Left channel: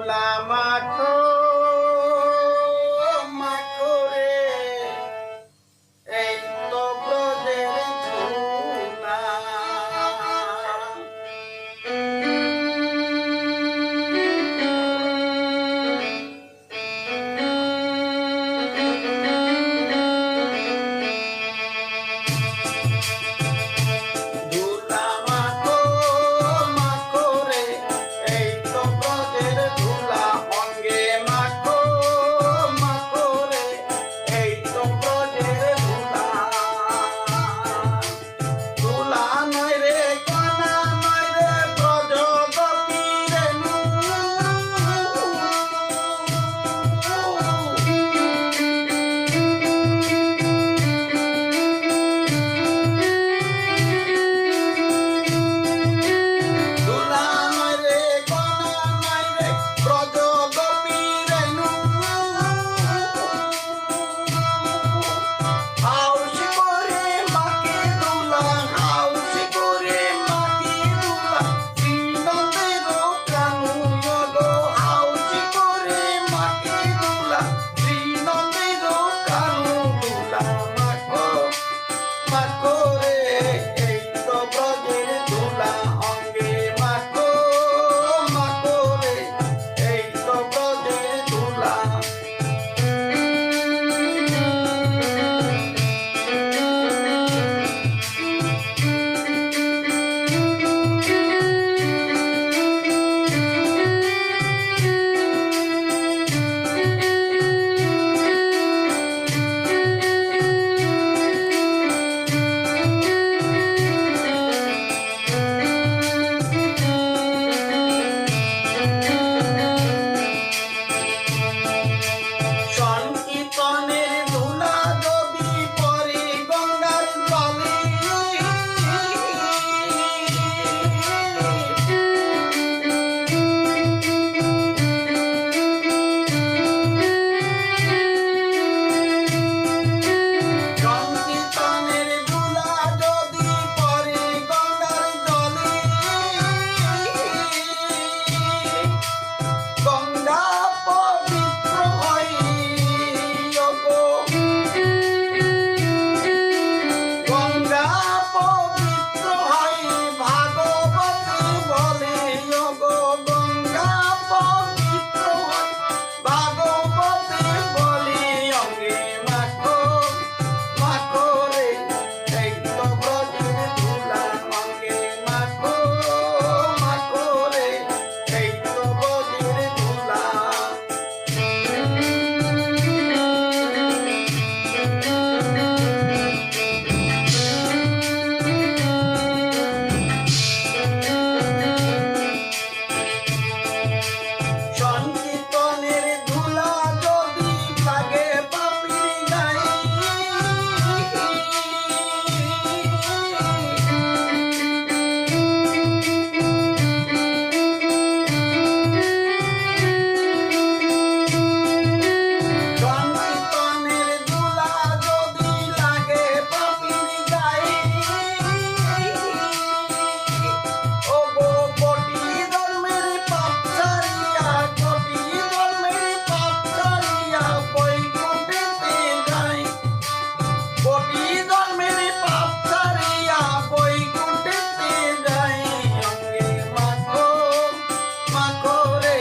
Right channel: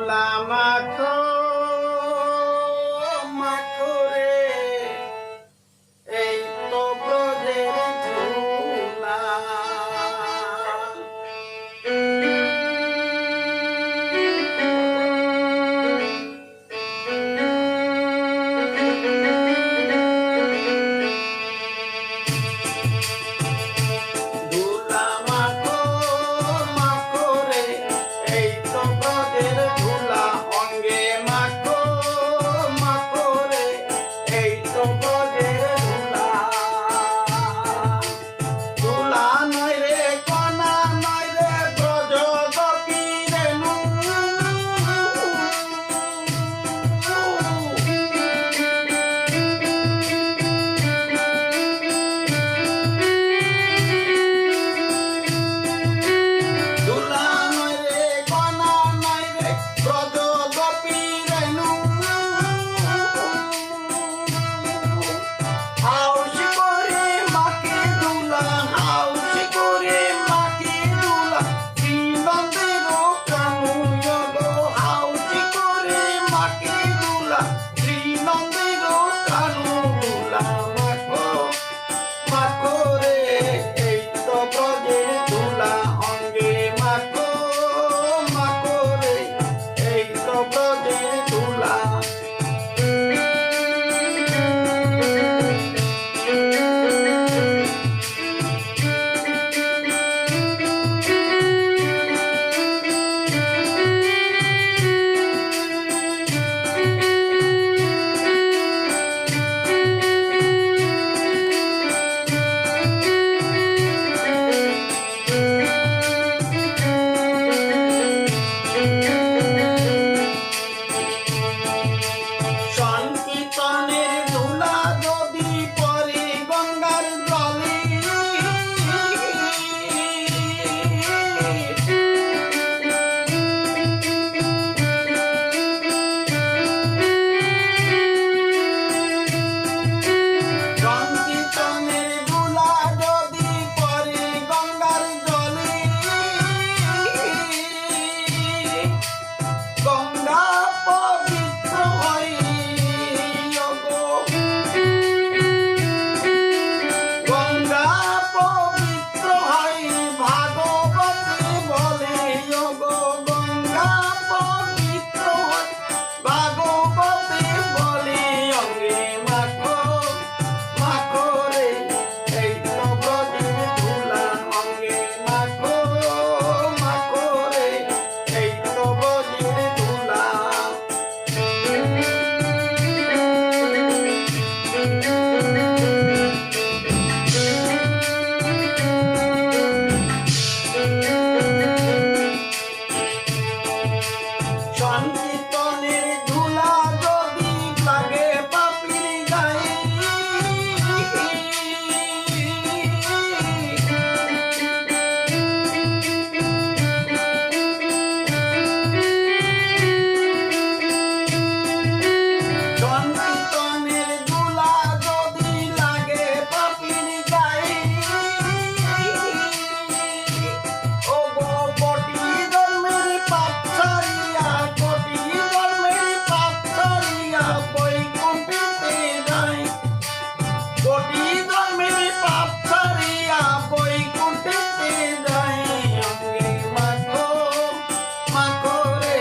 ধুলা মাখো মাখো রে, এই তো ব্রজের ধুলা। ধুলা মাখো মাখো রে, এই তো ব্রজের ধুলা। অঙ্গে মাখো মাখো রে, এই তো ব্রজের ধুলা। ধুলা নয় রে কণা নয় রে, ব্রজ গোপী রেণু। ধুলা নয় রে কণা নয় রে, ব্রজ গোপী রেণু। হাউসি করে মাকে ধুলা, হাউসি করে মাকে ধুলা, শ্রীনন্দের প্রাণু গো। হাউসি করে মাকে ধুলা, শ্রীনন্দের প্রাণু। ধুলা মাখো মাখো রে, এই তো ব্রজের ধুলা। অঙ্গে মাখো মাখো রে, এই তো ব্রজের ধুলা। সংকীর্তনের ধুলা যদি পরে গঙ্গার জলে, সংকীর্তনের ধুলা যদি পরে গঙ্গার জলে, গঙ্গা পবিত্র হয় গো। গঙ্গা পবিত্র হয় ভাগবতে বলে গো। গঙ্গা পবিত্র হয় ভাগবতে বলে। অঙ্গে মাখো মাখো রে, এই তো ব্রজের ধুলা। অঙ্গে মাখো মাখো রে, এই তো ব্রজের ধুলা। সংকীর্তনের ধুলা যদি লাগে পাপীর গায়ে, সংকীর্তনের ধুলা যদি লাগে পাপীর গায়ে, ও গো কোটি জন্মের পাপ ছাড়িয়া, কোটি জন্মের পাপ ছাড়িয়া বৈকুণ্ঠেতে যায়। কোটি জন্মের পাপ ছাড়িয়া বৈকুণ্ঠেতে যায়। অঙ্গে মাখো মাখো রে,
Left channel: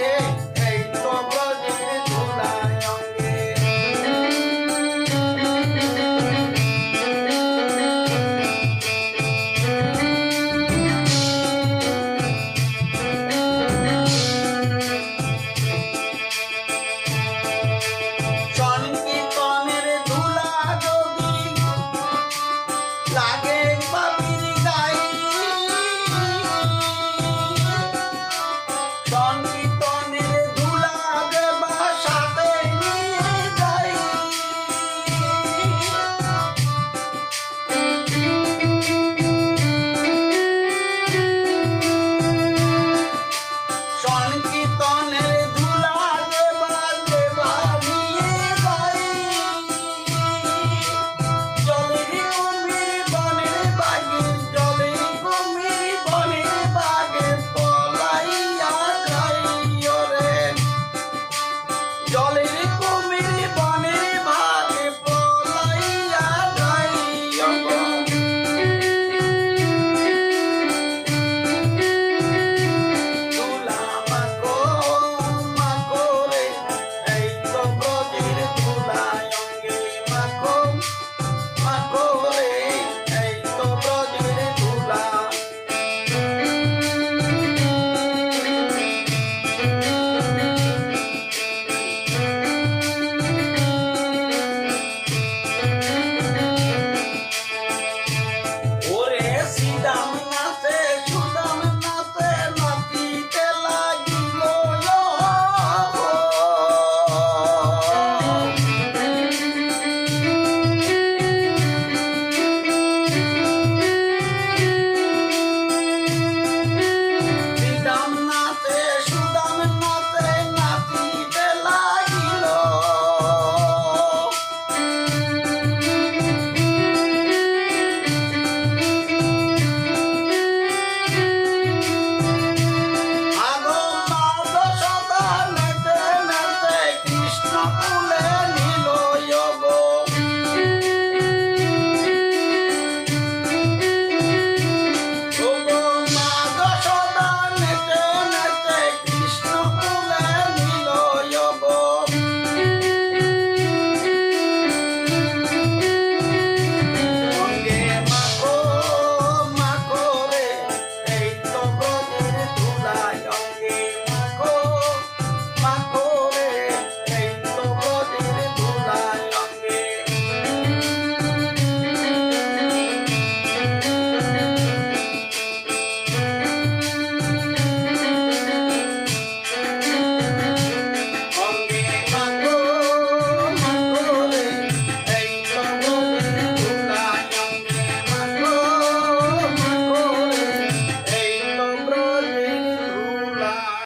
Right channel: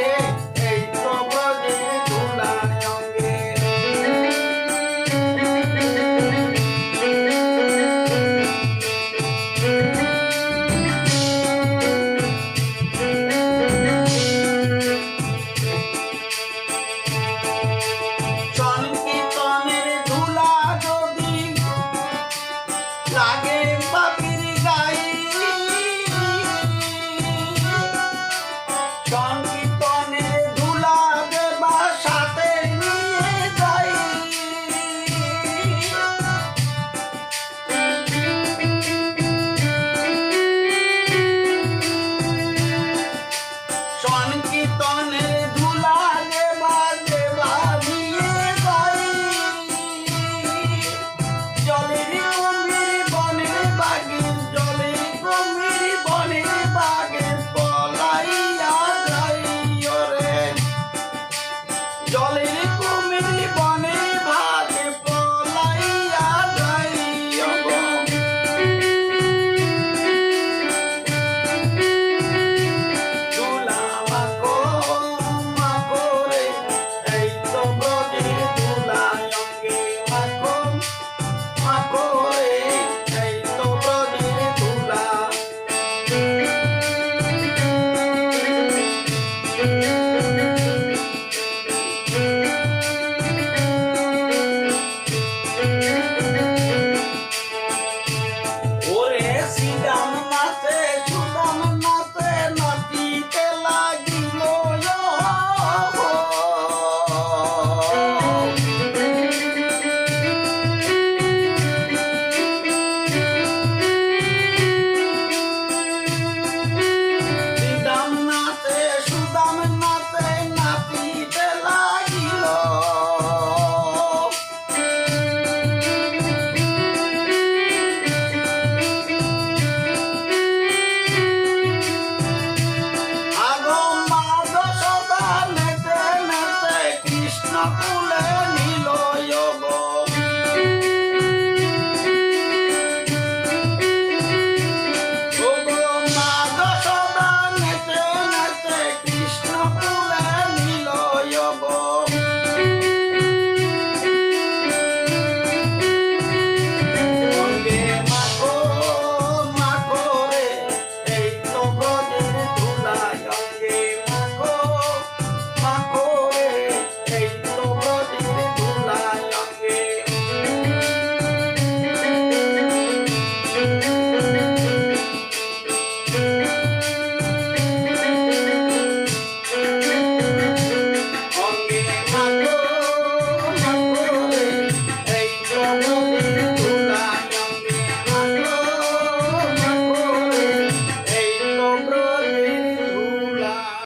এই তো ব্রজের ধুলা। অঙ্গে সংকীর্তনের ধুলা যদি লাগে পাপীর গায়ে, সংকীর্তনের ধুলা দেবা সাথে নিয়ে যাই। সংকীর্তনের ধুলা দেবা দেবা নিয়ে যাই। জলের কুমির বনের বাগে, জলের কুমির বনের বাগে পলাইয়া যাই। ওরে আপন